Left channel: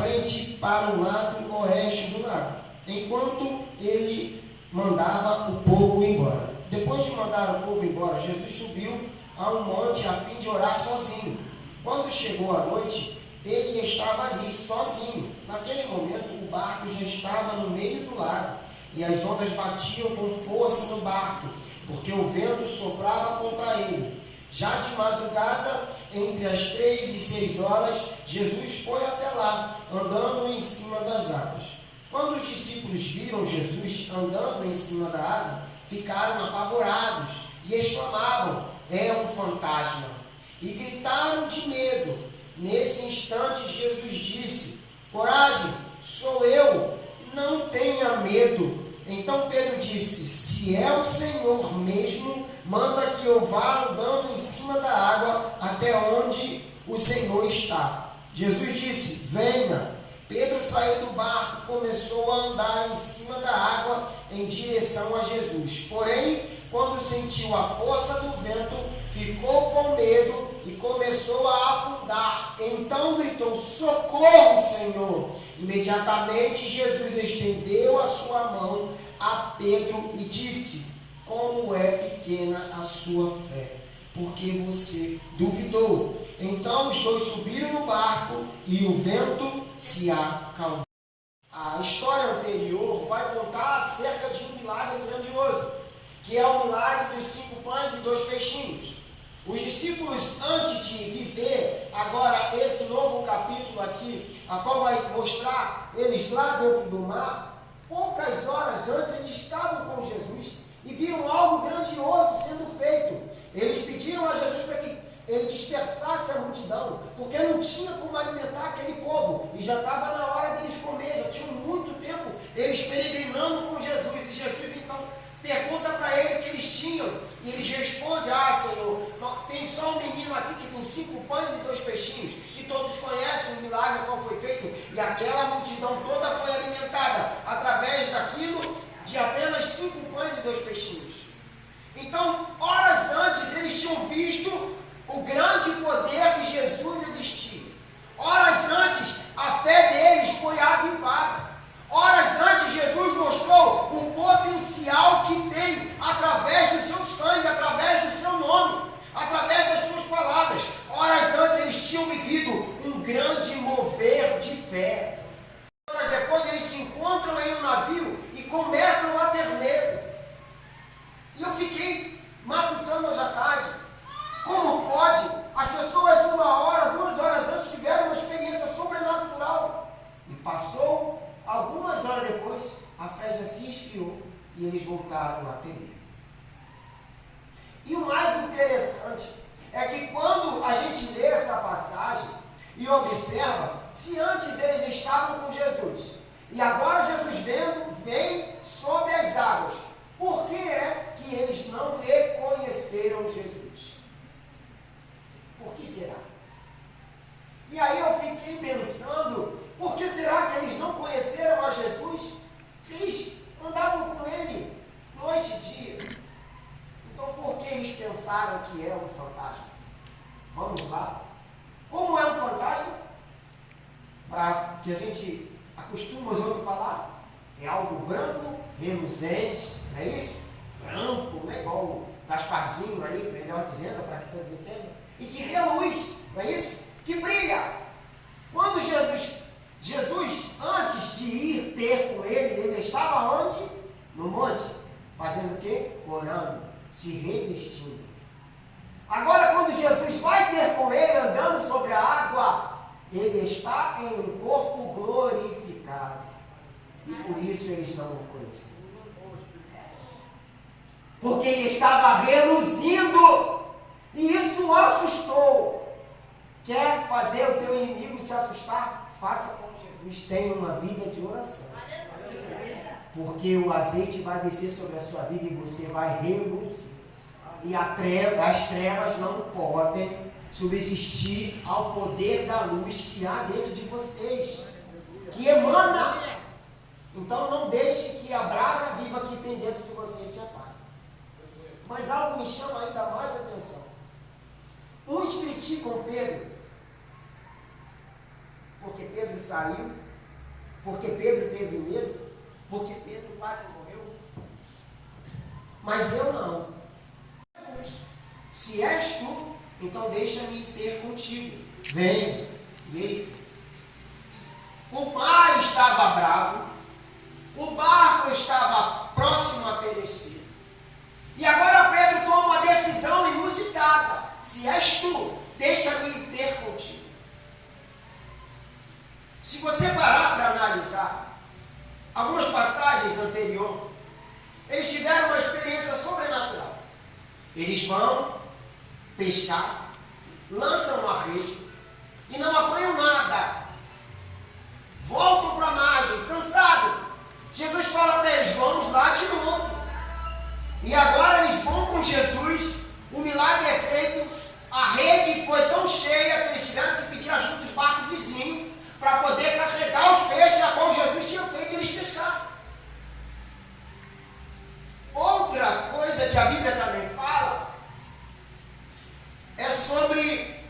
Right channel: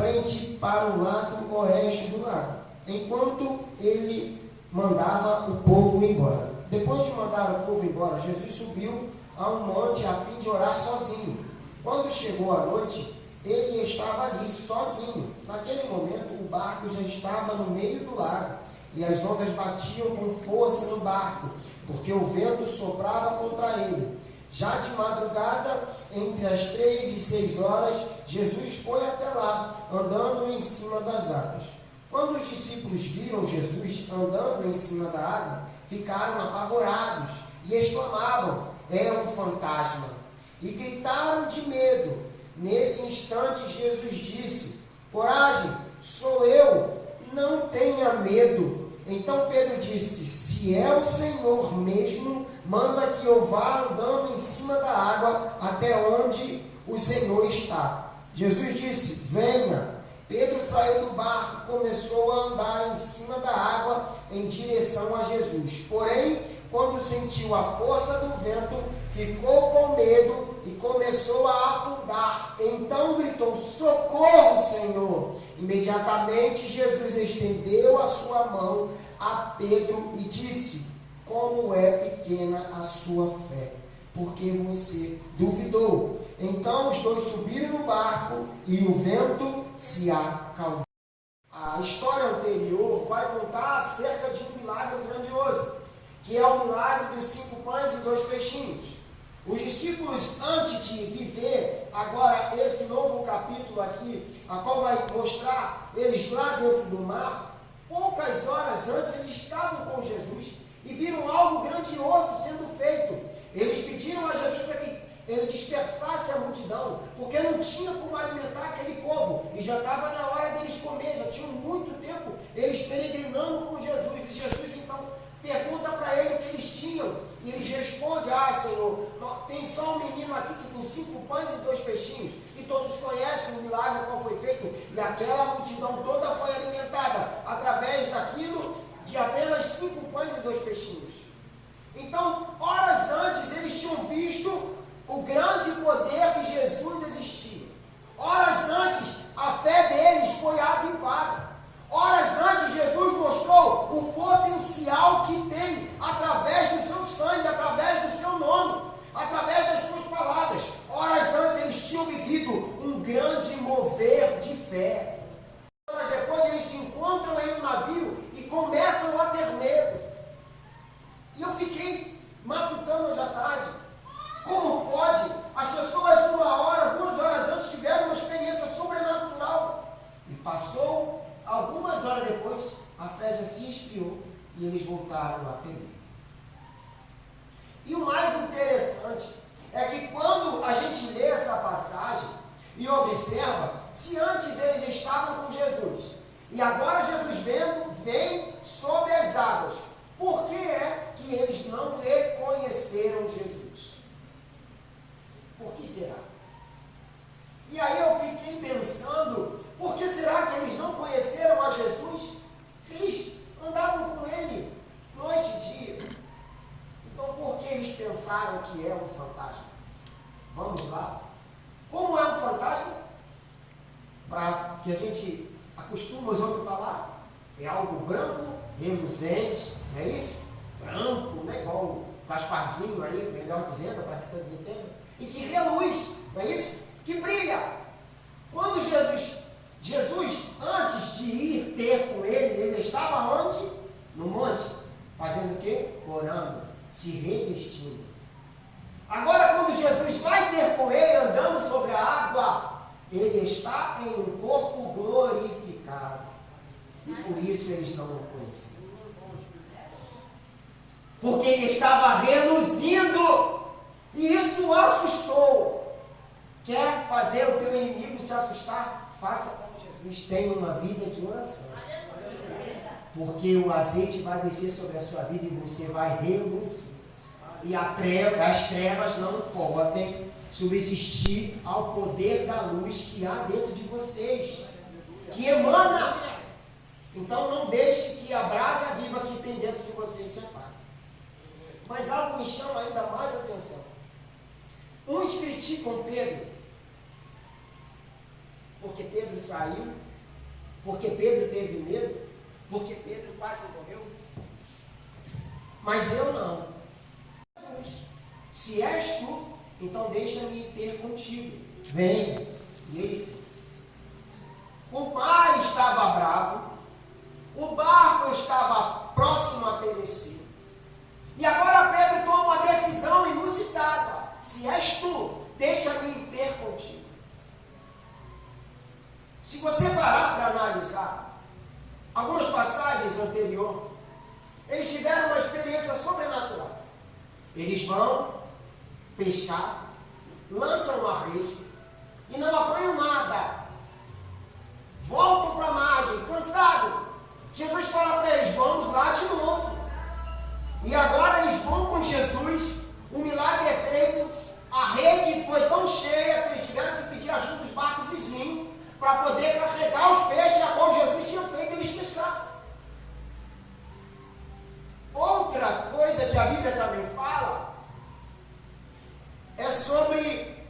frente para o lado oeste do lago, enquanto ele mandava o povo embora. Depois de mandar o povo embora, Jesus subiu a um monte a fim de orar sozinho. Quando chegou a noite, ele estava ali sozinho. Naquele momento, o barco já estava no meio do lago, e as ondas batiam com força no barco, porque o vento soprava contra ele. Já de madrugada, entre as 3 e 6 horas, Jesus foi até lá, andando em cima das águas. Quando os discípulos viram Jesus andando em cima da água, ficaram apavorados e exclamavam: é um fantasma! E gritaram de medo. Nesse instante, Jesus disse: coragem, sou eu, não tenha medo. Então Pedro disse: se é o Senhor mesmo, manda que eu vá andando em cima da água até onde o Senhor está. Jesus disse: venha. Pedro saiu do barco e começou a andar em cima da água em direção a Jesus. Porém, quando sentiu a força do vento, ficou com medo e começou a afundar. Então gritou: socorro, Senhor! Imediatamente Jesus estendeu a sua mão a Pedro e disse: como é pequena a sua fé, porque você duvidou. Então os dois subiram no barco e o vento se acalmou. A história anterior vai contar acerca de um milagre grandioso, que é o milagre dos 5 pães e 2 peixinhos. Os discípulos, antes de viver agora esse novo capítulo aqui, a qual vai mostrar eles lá dentro do mar, poucas horas antes eles estavam com Jesus e viram algo grandioso sendo feito. Eles pediram a Jesus para que ele dispersasse a multidão, porque não tinha como alimentar aquele povo, e já estava na hora deles comer, já tinham muito tempo eles peregrinando com Jesus, e Jesus então pergunta para ele o que eles tinham, e eles respondem: Senhor, tem só um menino aqui que tem 5 pães e 2 peixinhos, e todos conhecem o milagre qual foi feito, e aquela multidão toda foi alimentada através daquilo de apenas 5 pães e 2 peixinhos. Então, horas antes, eles tinham visto o grande poder de Jesus existia. Horas antes, a fé deles foi avivada. Horas antes, Jesus mostrou o potencial que tem através do seu sangue, através do seu nome, através das suas palavras. Horas antes, eles tinham vivido um grande mover de fé. Horas depois, eles se encontram em um navio e começam a ter medo. E eu fiquei matutando hoje à tarde. Como pode? As pessoas 1 hora, 2 horas antes tiveram uma experiência sobrenatural. E passou algumas horas depois, a fé já se esfriou e eles voltaram a ter medo. E o mais interessante é que quando a gente lê essa passagem e observa, se antes eles estavam com Jesus e agora Jesus vem sobre as águas, por que é que eles não reconheceram Jesus? Por que será? E aí eu fiquei pensando, por que será que eles não conheceram a Jesus? Se eles andavam com ele noite e dia. Então por que eles pensaram que era um fantasma? Vamos lá. Como é um fantasma? Para que a gente acostuma os outros a falar, é algo branco, reluzente, não é isso? Branco, não é igual o Gasparzinho aí, melhor dizendo, para que todos entendam. E que reluz, não é isso? Que brilha. Quando Jesus, antes de ir ter com ele estava onde? No monte. Fazendo o quê? Orando, se revestindo. Agora, quando Jesus vai ter com ele, andando sobre a água, ele está em um corpo glorificado. E por isso eles não o conheciam. Porque ele estava reluzindo. E isso o assustou. Quer fazer o teu inimigo se assustar? Faça como Jesus. Tenha uma vida de oração. Porque o azeite vai descer sobre a sua vida e você vai reluzir. E as trevas não podem subsistir ao poder da luz que há dentro de vocês, que emana. Então não deixe que a brasa viva que tem dentro de vocês se apague. Mas algo me chama ainda mais atenção. Uns criticam Pedro porque Pedro saiu, porque Pedro teve medo, porque Pedro quase morreu. Mas eu não. Se és tu, então deixa-me ter contigo. Venha. E ele foi. O mar estava bravo, o barco estava próximo a perecer. E agora Pedro toma uma decisão inusitada. Se és tu, deixa-me ter contigo. Se você parar para analisar algumas passagens anteriores, eles tiveram uma experiência sobrenatural. Eles vão pescar, lançam uma rede e não apanham nada. Voltam para a margem, cansados. Jesus fala para eles, vamos lá de novo. E agora eles vão com Jesus, o milagre é feito, a rede foi tão cheia que eles tiveram que pedir ajuda dos barcos vizinhos para poder carregar os peixes a qual Jesus tinha feito eles pescar. Outra coisa que a Bíblia também fala é sobre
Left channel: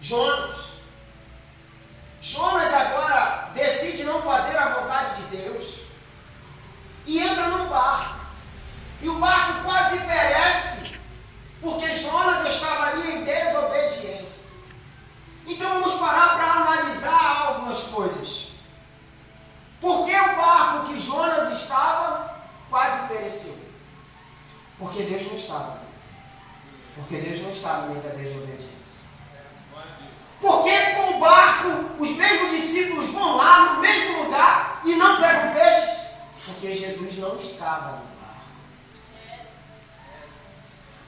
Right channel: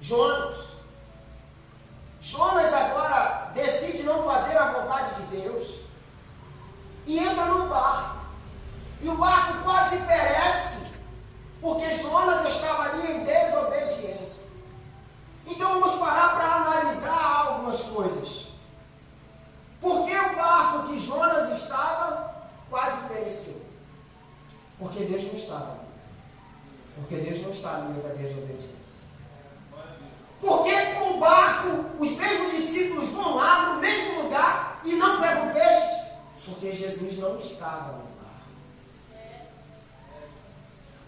Jonas. Jonas agora decide não fazer a vontade de Deus e entra num barco. E o barco quase perece, porque Jonas estava ali em desobediência. Então vamos parar para analisar algumas coisas. Por que o barco que Jonas estava quase pereceu? Porque Deus não estava. Porque Deus não estava no meio da desobediência. Por que com o barco os mesmos discípulos vão lá no mesmo lugar e não pegam peixes? Porque Jesus não estava no barco.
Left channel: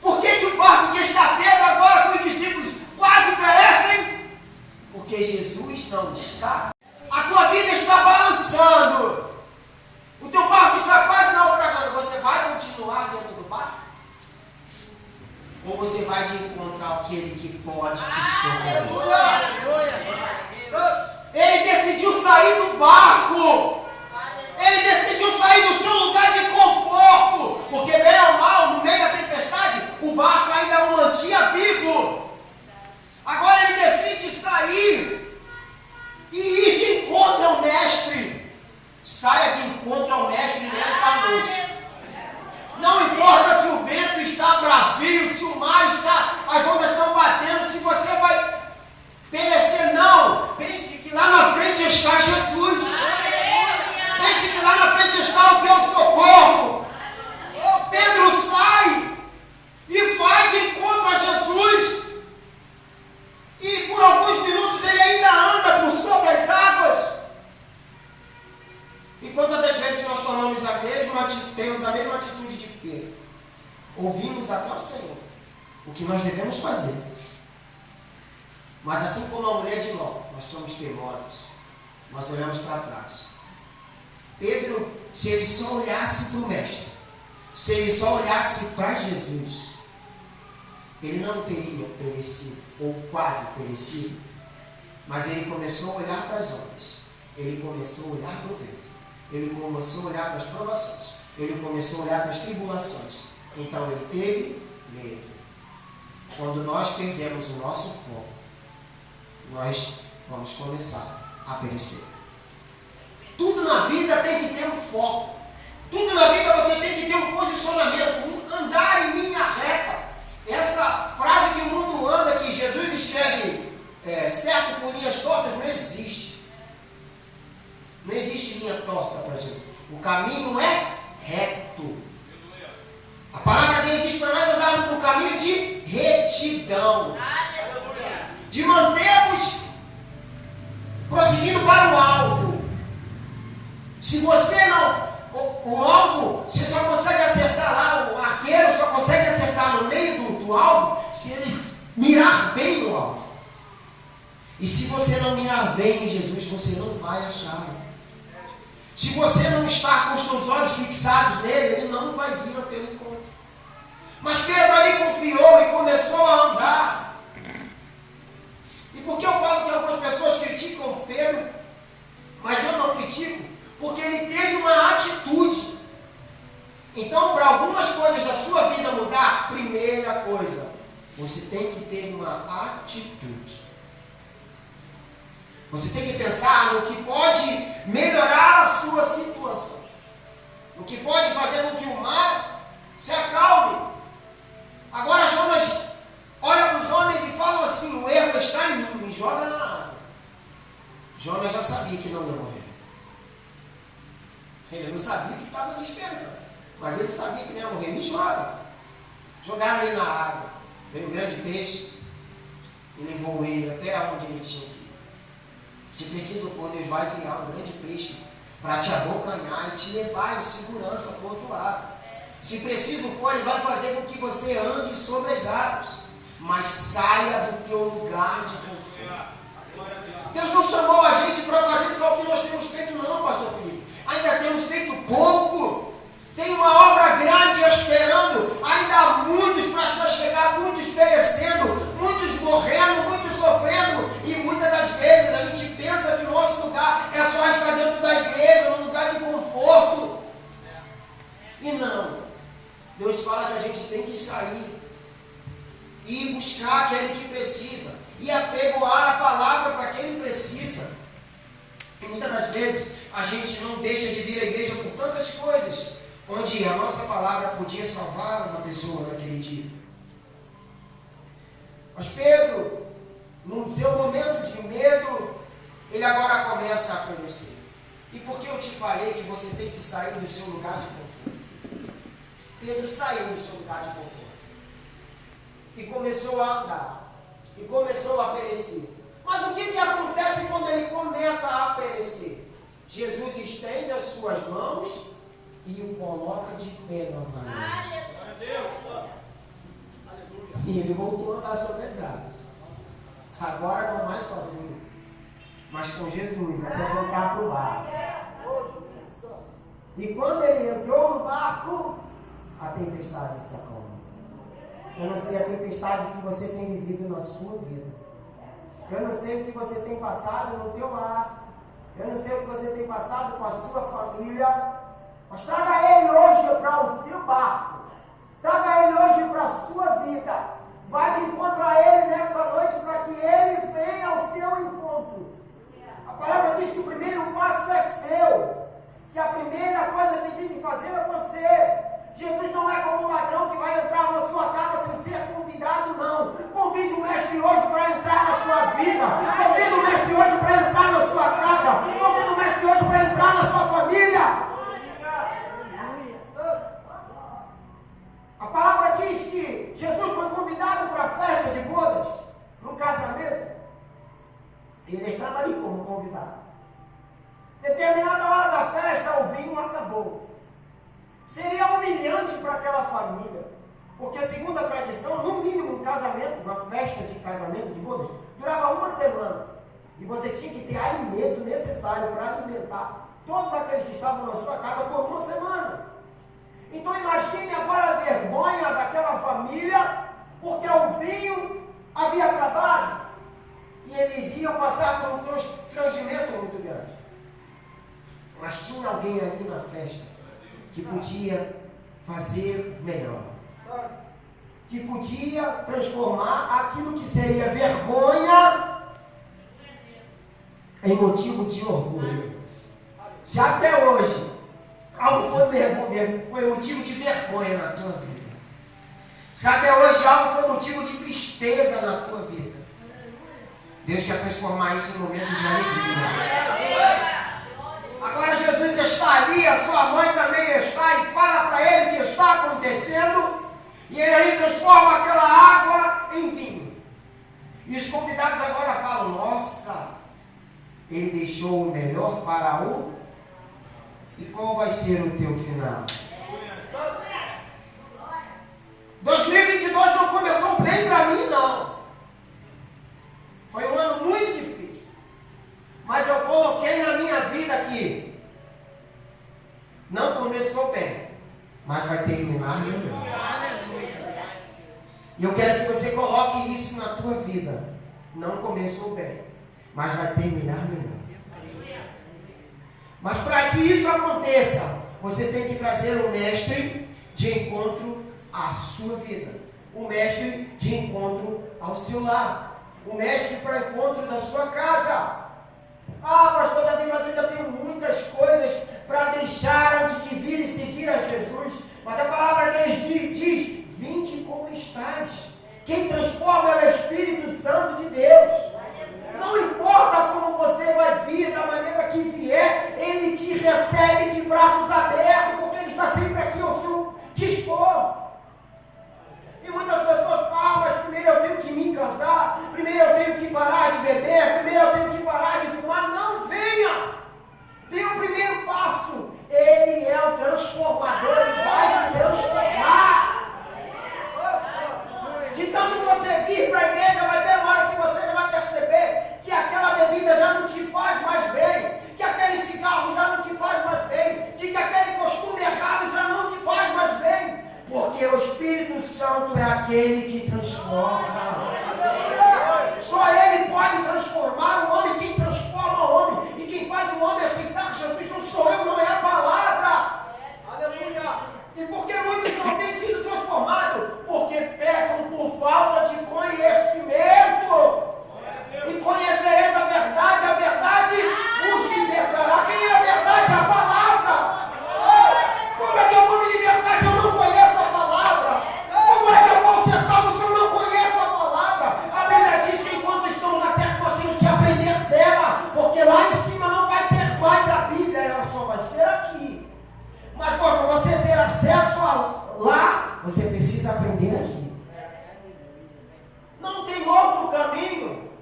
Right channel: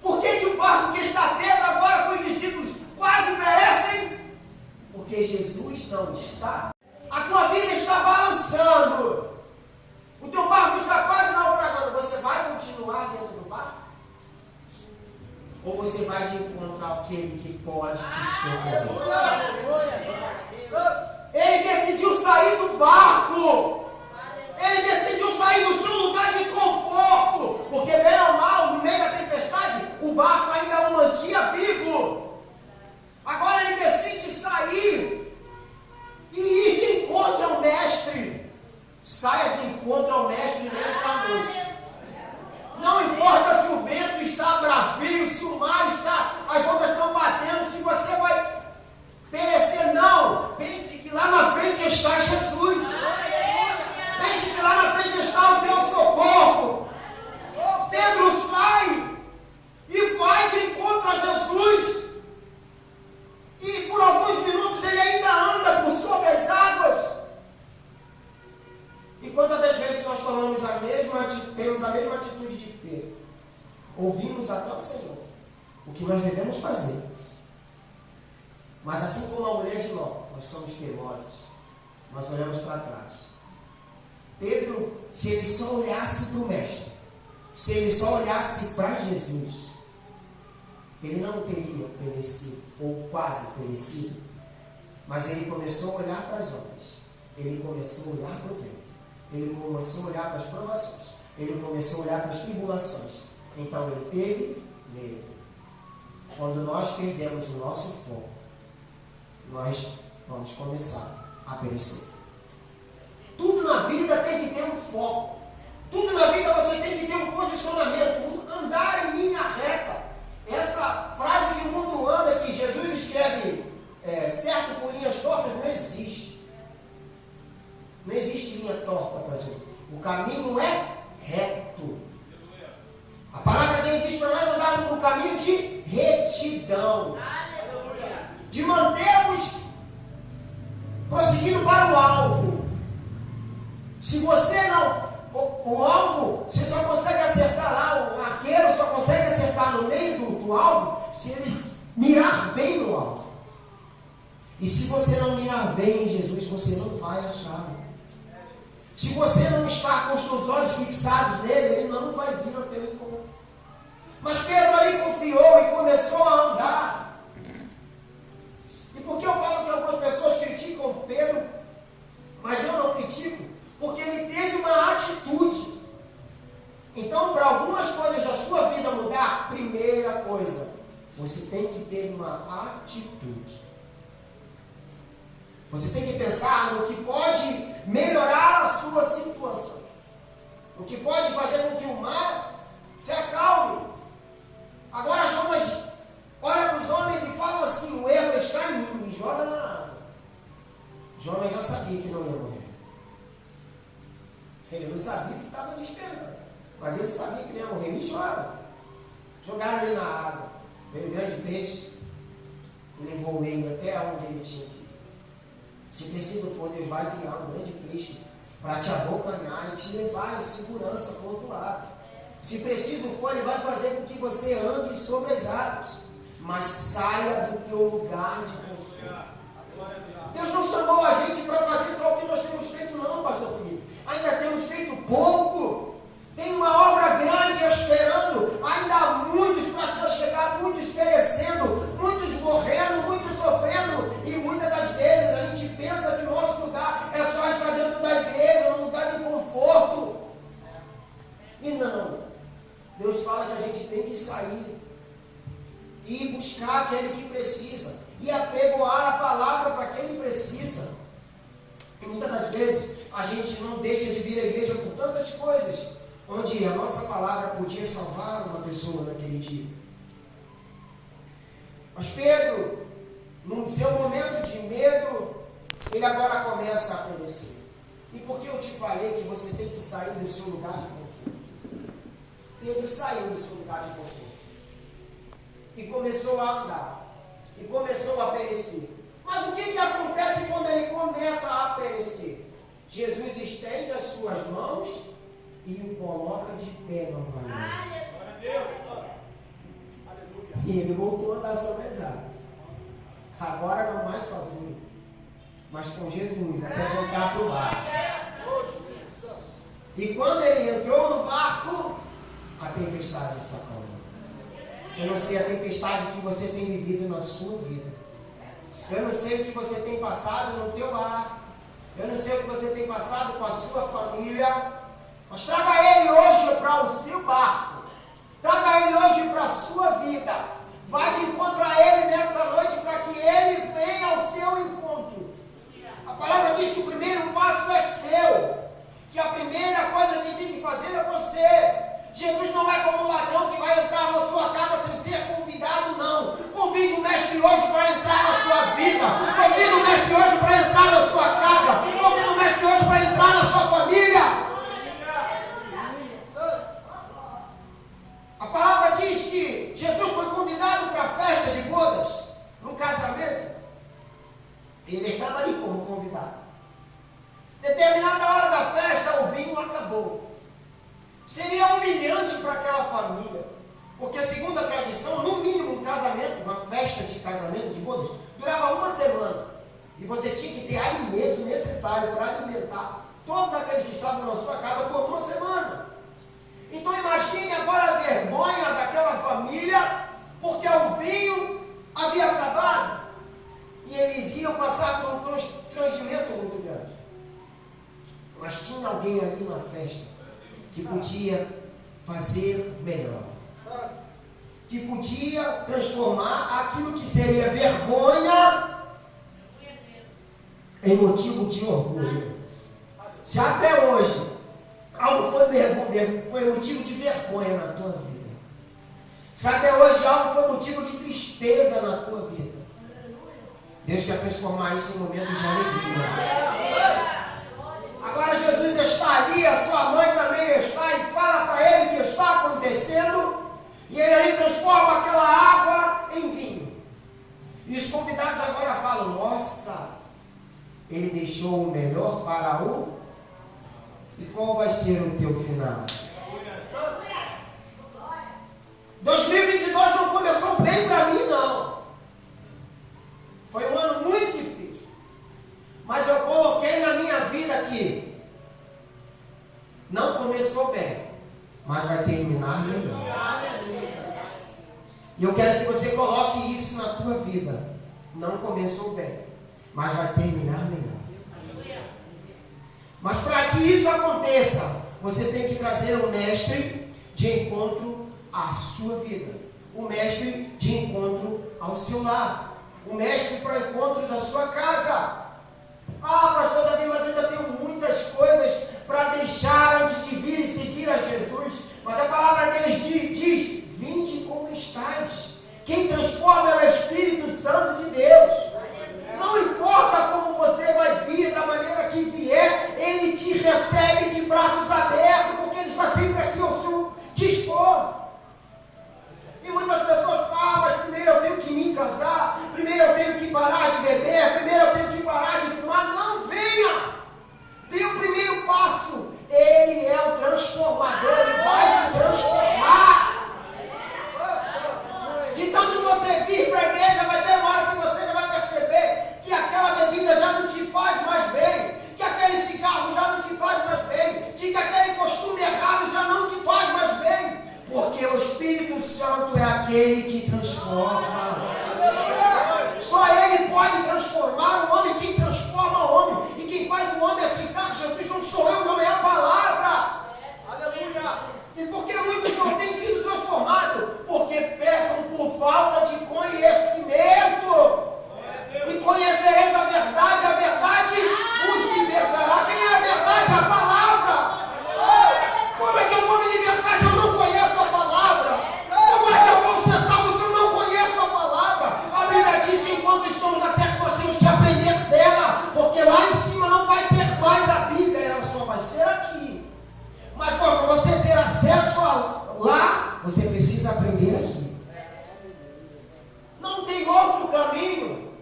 Por que o barco que está Pedro agora com os discípulos quase perecem? Porque Jesus não está. A tua vida está balançando. O teu barco está quase naufragando. Você vai continuar dentro do barco? Ou você vai de encontro àquele que pode te socorrer? Ele decidiu sair do barco. Ele decidiu sair do seu lugar de conforto. Porque bem ou mal, no meio da tempestade, o barco ainda o mantinha vivo. Agora ele decide sair e ir de encontro ao mestre. Saia de encontro ao mestre nessa noite. Não importa se o vento está bravio, se o mar está, as ondas estão batendo, se você vai perecer, não. Pense que lá na frente está Jesus. Pense que lá na frente está o teu socorro. Pedro sai e vai de encontro a Jesus. E por alguns minutos ele ainda anda por sobre as águas. E quantas das vezes nós temos a mesma atitude de Pedro? Ouvimos até o Senhor o que nós devemos fazer. Mas assim como a mulher de Ló, nós somos teimosas. Nós olhamos para trás. Pedro, se ele só olhasse para o Mestre, se ele só olhasse para Jesus, ele não teria perecido, ou quase perecido. Mas ele começou a olhar para as ondas. Ele começou a olhar para o vento. Ele começou a olhar para as provações. Ele começou a olhar para as tribulações. Então ele teve medo. Quando nós perdemos o nosso foco, nós vamos começar a perecer. Tudo na vida tem que ter um foco. Tudo na vida você tem que ter um posicionamento, andar em linha reta. Essa frase que o mundo anda, que Jesus escreve certo por linhas tortas, não existe. Não existe linha torta para Jesus. O caminho é reto. A palavra dele diz para nós andarmos no caminho de retidão. De mantermos prosseguindo para o alvo. Se você não, o alvo, você só consegue acertar lá, o arqueiro só consegue acertar no meio do alvo, se ele mirar bem no alvo. E se você não mirar bem em Jesus, você não vai achá-lo. Se você não estar com os seus olhos fixados nele, ele não vai vir ao teu encontro. Mas Pedro ali confiou e começou a andar. E por que eu falo que algumas pessoas criticam Pedro, mas eu não critico? Porque ele teve uma atitude. Então, para algumas coisas da sua vida mudar, primeira coisa, você tem que ter uma atitude. Você tem que pensar no que pode melhorar a sua situação. O que pode fazer com que o mar se acalme. Agora Jonas olha para os homens e fala assim: o erro está em mim, me joga na água. Jonas já sabia que não ia morrer. Ele não sabia que estava me esperando, mas ele sabia que não ia morrer. Me joga. Jogaram ele na água. Veio um grande peixe e levou ele até onde ele tinha que ir. Se preciso for, Deus vai criar um grande peixe para te abocanhar e te levar em segurança para o outro lado. Se preciso for, Ele vai fazer com que você ande sobre as águas, mas saia do teu lugar de conforto. Deus não chamou a gente para fazer só o que nós temos feito, não, pastor Felipe. Ainda temos feito pouco. Tem uma obra grande esperando. Ainda há muitos para chegar, muitos perecendo, muitos morrendo, muitos sofrendo. E muitas das vezes a gente pensa que o nosso lugar é só estar dentro da igreja, num lugar de conforto. E não. Deus fala que a gente tem que sair e buscar aquele que precisa e apregoar a palavra para quem precisa. E muitas das vezes a gente não deixa de vir à igreja por tantas coisas, onde a nossa palavra podia salvar uma pessoa naquele dia. Mas Pedro, no seu momento de medo, ele agora começa a aparecer. E por que eu te falei que você tem que sair do seu lugar de conforto? Pedro saiu do seu lugar de conforto e começou a andar, e começou a perecer. Mas o que acontece quando ele começa a perecer? Jesus estende as suas mãos e o coloca de pé novamente. E ele voltou a andar sobre as águas. Agora não mais sozinho, mas com Jesus, até voltar para o barco. E quando ele entrou no barco, a tempestade se acalmou. Eu não sei a tempestade que você tem vivido na sua vida. Eu não sei o que você tem passado no teu lar. Eu não sei o que você tem passado com a sua família. Mas traga ele hoje para o seu barco. Traga ele hoje para a sua vida. Vá de encontro a ele nessa noite para que ele venha ao seu encontro. A palavra diz que o primeiro passo é seu. Que a primeira coisa que tem que fazer é você. Jesus não é como um ladrão que vai entrar na sua casa sem ser convidado, não. Convide o mestre hoje para entrar na sua vida. Convide o mestre hoje para entrar na sua casa. Convide o mestre hoje para entrar na sua família. A palavra diz que Jesus foi convidado para a festa de bodas, para um casamento. E ele estava ali como convidado. Determinada hora da festa, o vinho acabou. Seria humilhante para aquela família, porque segundo a tradição, no mínimo um casamento, uma festa de casamento, de bodas, durava uma semana. E você tinha que ter alimento necessário para alimentar todos aqueles que estavam na sua casa por uma semana. Então imagine agora a vergonha daquela família, porque o vinho havia acabado. E eles iam passar por um constrangimento muito grande. Mas tinha alguém ali na festa que podia fazer melhor, que podia transformar aquilo que seria vergonha em motivo de orgulho. Se até hoje algo foi motivo de vergonha na tua vida, se até hoje algo foi motivo de tristeza na tua vida, Deus quer transformar isso em momentos de alegria. Agora Jesus está ali, a sua mãe também está, e fala para ele o que está acontecendo, e ele transforma aquela água em vinho. E os convidados agora falam: nossa, ele deixou o melhor para o... E qual vai ser o teu final? 2022 não começou bem para mim, não. Foi um ano muito difícil. Mas eu coloquei na minha vida que não começou bem, mas vai terminar melhor. E eu quero que você coloque isso na tua vida. Não começou bem, mas vai terminar melhor. Mas para que isso aconteça, você tem que trazer um mestre de encontro à sua vida. Um mestre de encontro ao seu lar. Um mestre para o encontro da sua casa. Ah, pastor Davi, mas eu ainda tenho muitas coisas para deixar antes de vir e seguir a Jesus. Mas a palavra deles diz: vinde como estás. Quem transforma é o Espírito Santo de Deus. Não importa como você vai vir, da maneira que vier, Ele te recebe de braços abertos, porque Ele está sempre aqui ao seu dispor. E muitas pessoas, mas primeiro eu tenho que me casar, primeiro eu tenho que parar de beber, primeiro eu tenho que parar de fumar. Não, venha! Dê o primeiro passo. Ele é o transformador, Ele vai te transformar. De tanto você vir para a igreja, vai ter uma hora que você vai perceber que aquela bebida já não te faz mais bem, que aquele cigarro já não te faz mais bem, de que aquele costume errado já não te faz mais bem, porque o Espírito Santo é aquele que transforma. Só Ele pode transformar o homem. Quem transforma o homem e quem faz o homem aceitar Jesus não sou eu, não é a palavra. Aleluia! E por que muitos não têm sido transformados? Porque pecam por falta de conhecimento. E conhecereis a verdade vos libertará. Quem é a verdade? A palavra. Como é que eu vou me libertar se eu não conheço a palavra? Como é que eu vou ser salvo se eu não conheço a palavra? A Bíblia diz que enquanto estamos na terra nós temos que aprender dela, porque lá em cima não vai ter mais a Bíblia, ela só vai ser aqui. Mas para você ter acesso lá, você precisa aprender aqui. Não tem outro caminho.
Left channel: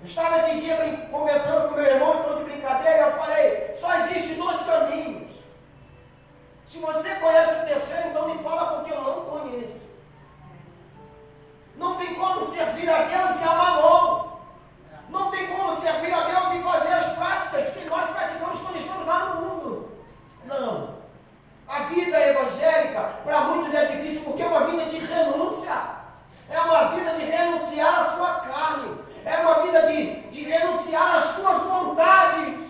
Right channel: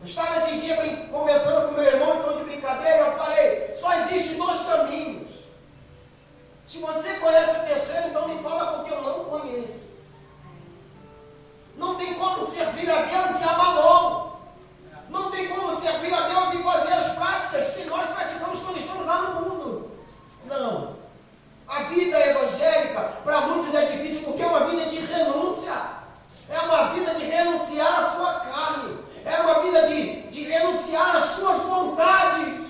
Eu estava esse dia conversando com meu irmão, em tom de brincadeira, eu falei, só existe 2 caminhos. Se você conhece o terceiro, então me fala porque eu não conheço. Não tem como servir a Deus e a Mamon. Não tem como servir a Deus e fazer as práticas que nós praticamos quando estamos lá no mundo. Não. A vida evangélica, para muitos é difícil, porque é uma vida de renúncia. É uma vida de renunciar à sua carne. É uma vida de renunciar às suas vontades.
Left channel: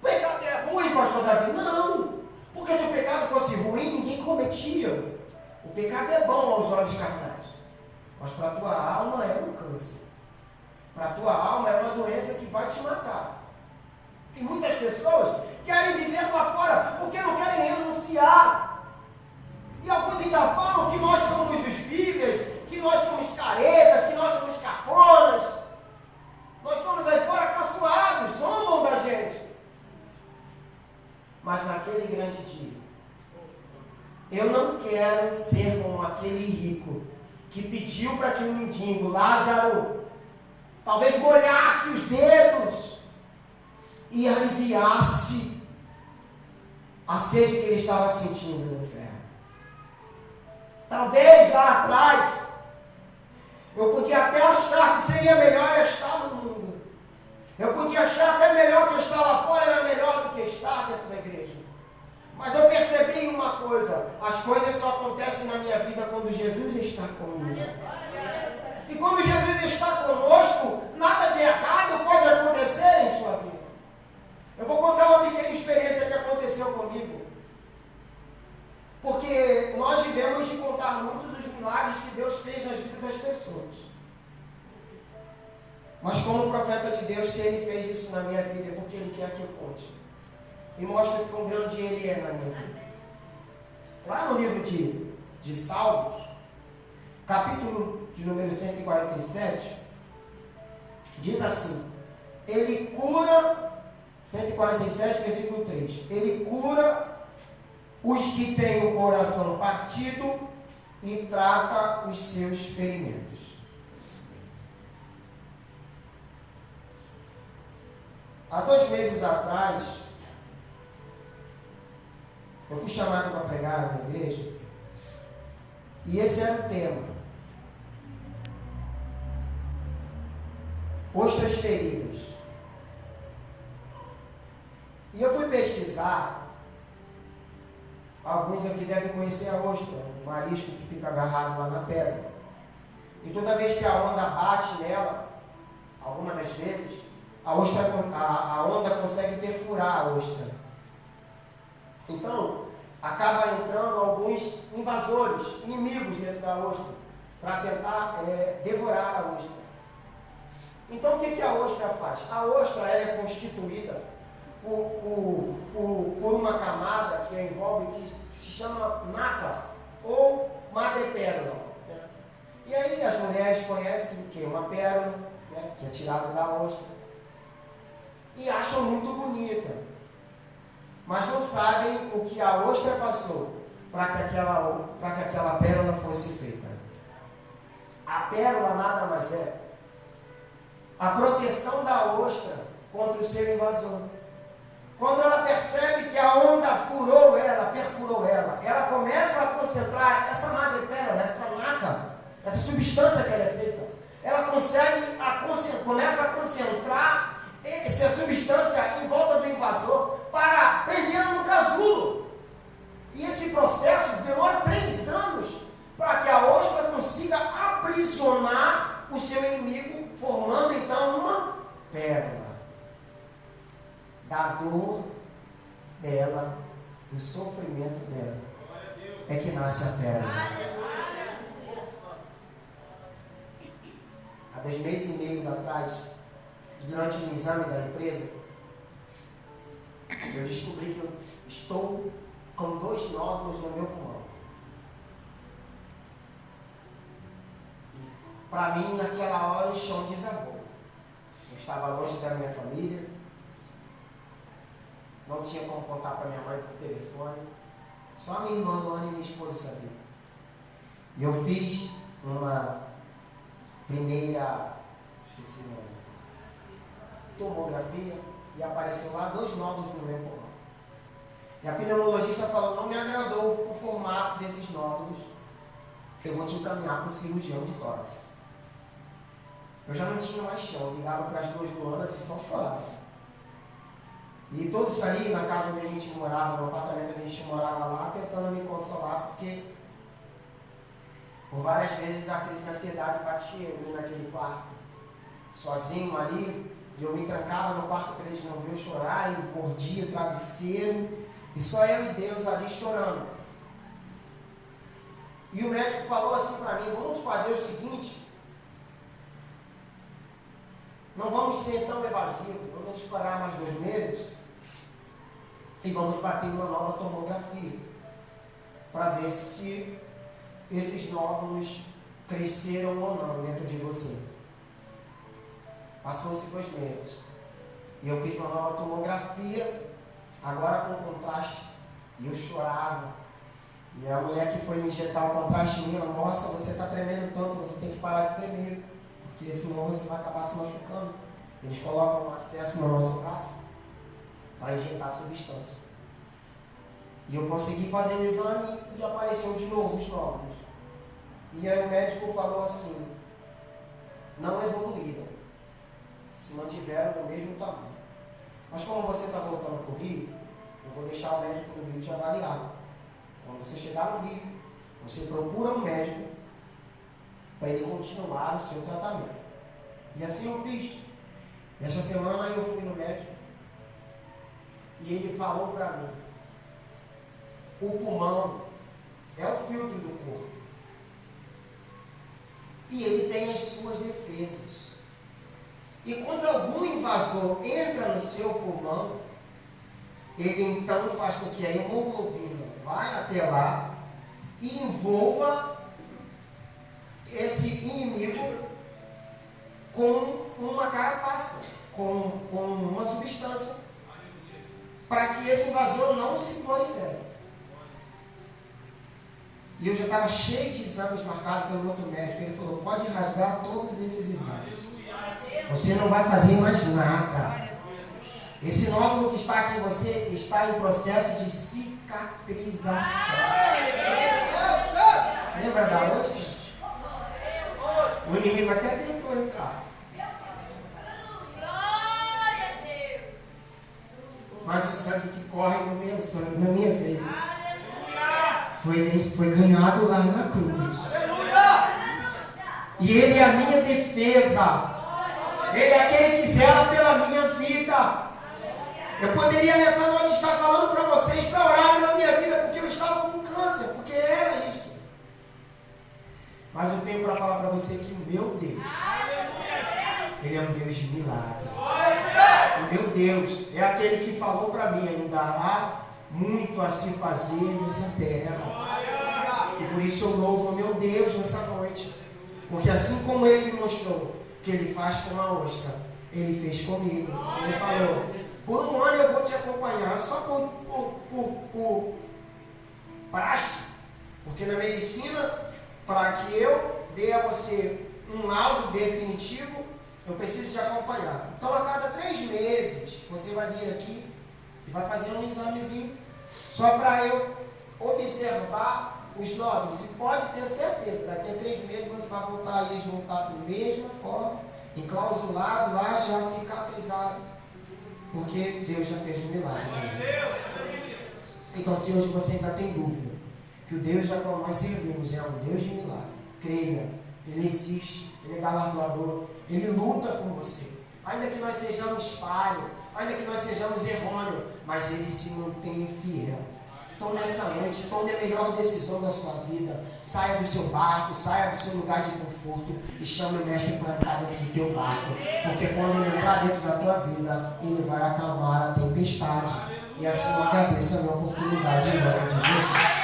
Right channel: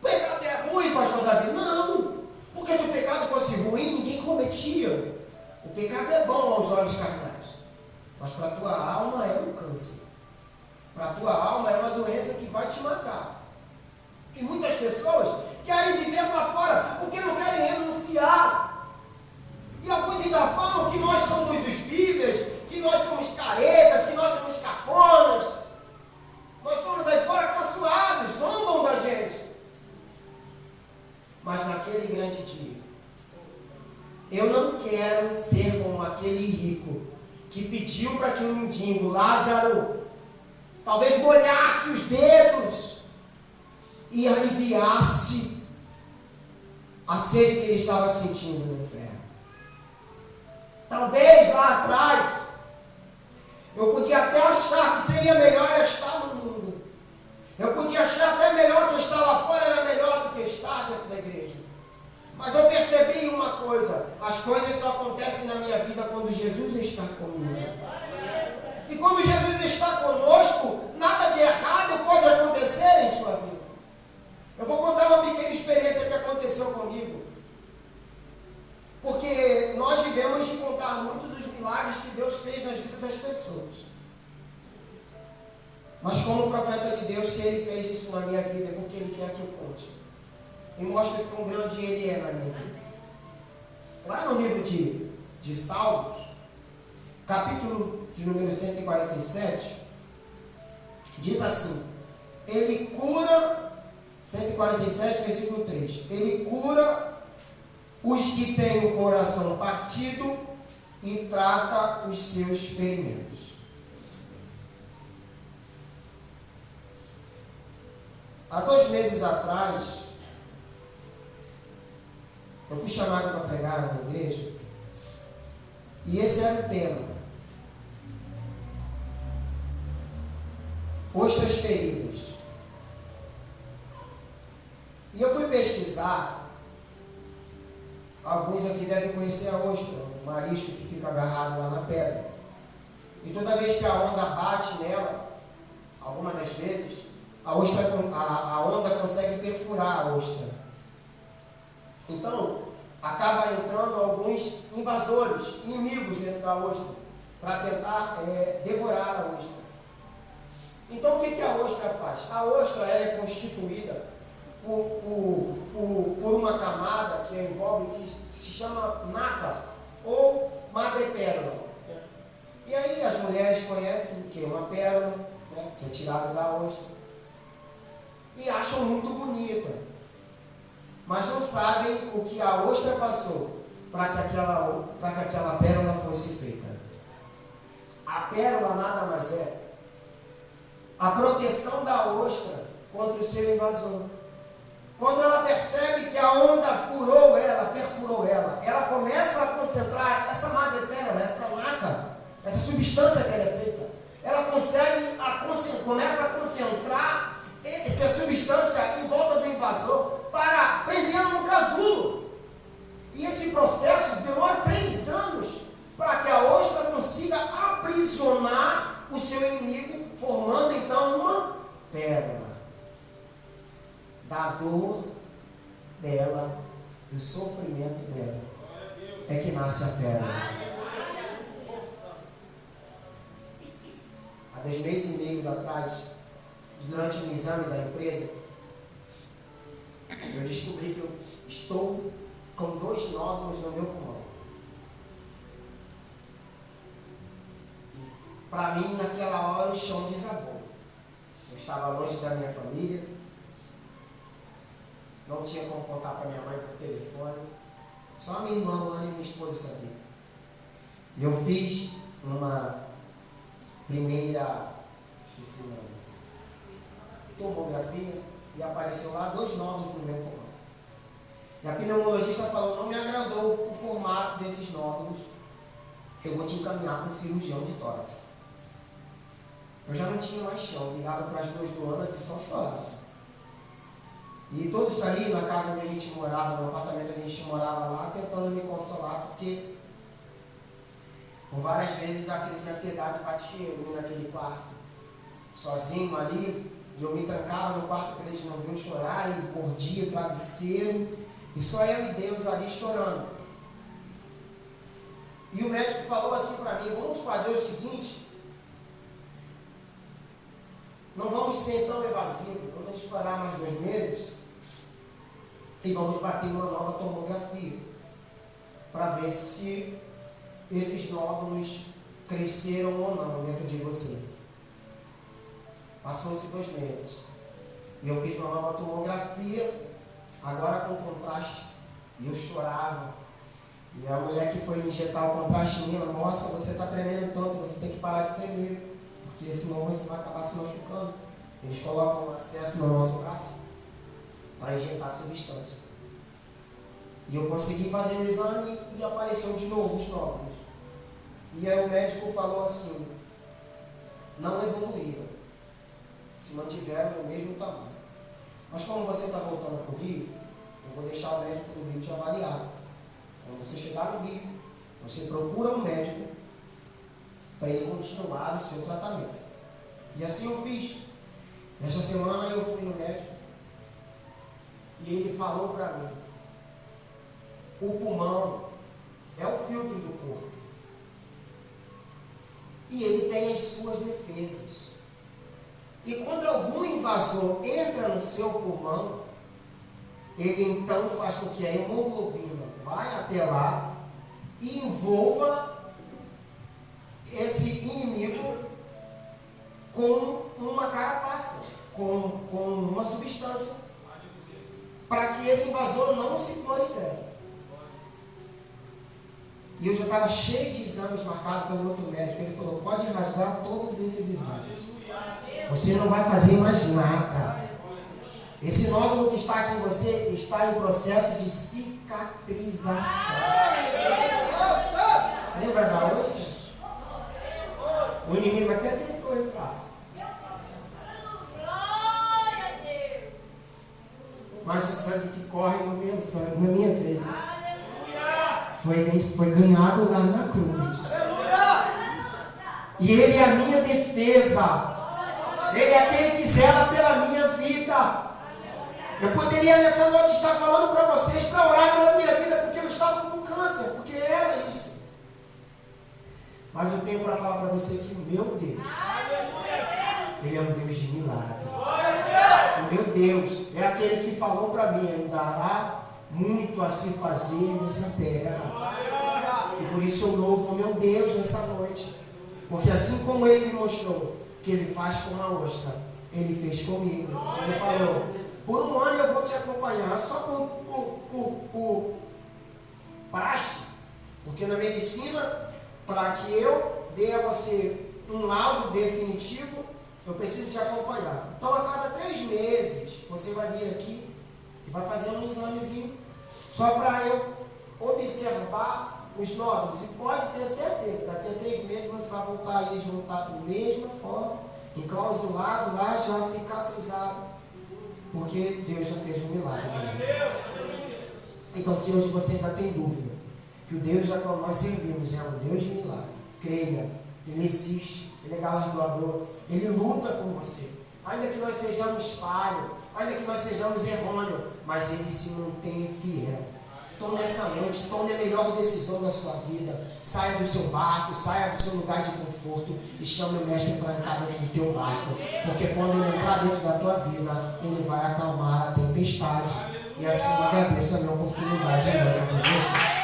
O pecado é ruim, pastor Davi? Não. Porque se o pecado fosse ruim, ninguém cometia. O pecado é bom aos olhos carnais. Mas para a tua alma é um câncer. Para a tua alma é uma doença que vai te matar. E muitas pessoas querem viver lá fora porque não querem renunciar. E alguns ainda falam que nós somos os bíblias, que nós somos caretas, que nós somos cafonas. Nós somos aí fora caçoados, zombam da gente. Mas naquele grande dia, eu não quero ser como aquele rico que pediu para que o mendigo Lázaro talvez molhasse os dedos e aliviasse a sede que ele estava sentindo no inferno. Talvez lá atrás eu podia até achar que seria melhor eu estar no mundo. Eu podia achar até melhor que eu estar lá fora era melhor do que estar dentro da igreja. Mas eu percebi uma coisa: as coisas só acontecem na minha vida quando Jesus está comigo. E quando Jesus está conosco, nada de errado pode acontecer em sua vida. Eu vou contar uma pequena experiência que aconteceu comigo. Porque nós vivemos de contar muitos dos milagres que Deus fez nas vidas das pessoas. Mas como profeta de Deus, se Ele fez isso na minha vida, é porque Ele quer que eu conte. E mostre quão grande Ele é na minha vida. Lá no livro de Salmos, capítulo de número 147, diz assim: Ele cura, 147, versículo 3, Ele cura os que têm o coração partido e trata os seus ferimentos. Há 2 meses atrás, eu fui chamado para pregar na igreja, e esse era o tema: ostras feridas. E eu fui pesquisar. Alguns aqui devem conhecer a ostra, um marisco que fica agarrado lá na pedra. E toda vez que a onda bate nela, algumas das vezes, a onda consegue perfurar a ostra. Então, acaba entrando alguns invasores, inimigos dentro da ostra, para tentar devorar a ostra. Então o que a ostra faz? A ostra é constituída por uma camada que envolve, que se chama nácar ou madrepérola. Né? E aí as mulheres conhecem o que? Uma pérola, né, que é tirada da ostra, e acham muito bonita, mas não sabem o que a ostra passou para que aquela pérola fosse feita. A pérola nada mais é a proteção da ostra contra o seu invasor. Quando ela percebe que a onda furou ela, perfurou ela, ela começa a concentrar essa madrepérola, essa nácar, essa substância que ela é feita, ela começa a concentrar essa substância em volta do invasor para prendê-lo no casulo. E esse processo demora 3 anos para que a ostra consiga aprisionar o seu inimigo, formando então uma pérola. Da dor dela, do sofrimento dela, é que nasce a pérola. Há 2 meses e meio atrás, durante um exame da empresa, eu descobri que eu estou com 2 nódulos no meu pulmão. E para mim, naquela hora, o chão desabou. Eu estava longe da minha família, não tinha como contar para minha mãe por telefone, só minha irmã Luana e minha esposa sabiam. E eu fiz uma primeira, esqueci o nome, tomografia, e apareceu lá 2 nódulos no meu pulmão. E a pneumologista falou: não me agradou o formato desses nódulos, eu vou te encaminhar para um cirurgião de tórax. Eu já não tinha mais chão, ligava para as 2 Luanas e só chorava. E todos ali na casa onde a gente morava, no apartamento onde a gente morava lá, tentando me consolar, porque por várias vezes a crise de ansiedade batia em mim naquele quarto, sozinho ali, e eu me trancava no quarto para eles não verem eu chorar, e mordia o travesseiro, e só eu e Deus ali chorando. E o médico falou assim para mim: vamos fazer o seguinte, não vamos ser tão evasivos, vamos esperar mais 2 meses e vamos bater uma nova tomografia para ver se esses nódulos cresceram ou não dentro de você. Passou-se 2 meses e eu fiz uma nova tomografia, agora com contraste, e eu chorava. E a mulher que foi injetar o contraste em mim: nossa, você está tremendo tanto, você tem que parar de tremer, porque senão você vai acabar se machucando. Eles colocam um acesso no nosso braço para injetar a substância. E eu consegui fazer o exame e apareceu de novo os nódulos. E aí o médico falou assim: não evoluíram, se mantiveram no mesmo tamanho. Mas como você está voltando para o Rio, eu vou deixar o médico do Rio te avaliar. Quando você chegar no Rio, você procura um médico para ele continuar o seu tratamento. E assim eu fiz. Nesta semana eu fui no médico e ele falou para mim: o pulmão é o filtro do corpo e ele tem as suas defesas. E quando algum invasor entra no seu pulmão, ele então faz com que a hemoglobina vai até lá e envolva esse inimigo com uma carapaça, com uma substância, para que esse invasor não se prolifere. E eu já estava cheio de exames marcados pelo outro médico. Ele falou: pode rasgar todos esses exames, você não vai fazer mais nada. Esse nódulo que está aqui em você está em processo de cicatrização. Lembra da ostra? O inimigo até tentou entrar, mas o sangue que corre no meu sangue, na minha veia, foi ganhado lá na cruz. E Ele é a minha defesa. Ele é aquele que zela pela minha vida. Eu poderia nessa noite estar falando para vocês para orar pela minha vida, porque eu estava com câncer, porque era isso. Mas eu tenho para falar para você que o meu Deus, Ele é um Deus de milagre. O meu Deus é aquele que falou para mim: ainda há muito a se fazer nessa terra. E por isso eu louvo o meu Deus nessa noite. Porque assim como Ele me mostrou que Ele faz com a ostra, Ele fez comigo. Ele falou: por um ano eu vou te acompanhar, só por praxe. Porque na medicina, para que eu dê a você um laudo definitivo, eu preciso te acompanhar. Então a cada 3 meses, você vai vir aqui e vai fazer um examezinho, só para eu observar os nódulos. E pode ter certeza, daqui a 3 meses você vai voltar a eles voltar da mesma forma, enclausulado lá, já cicatrizado, porque Deus já fez um milagre. Então, se hoje você ainda tem dúvida que o Deus a qual nós servimos é um Deus de milagre, creia, Ele existe, Ele é galardoador, Ele luta por você. Ainda que nós sejamos falhos, ainda que nós sejamos errôneos, mas Ele se mantém fiel. Então nessa noite, tome a melhor decisão da sua vida. Saia do seu barco, saia do seu lugar de conforto e chame o mestre para entrar dentro do teu barco. Porque quando ele entrar dentro da tua vida, ele vai acalmar a tempestade. E assim eu agradeço a minha oportunidade em nome de Jesus.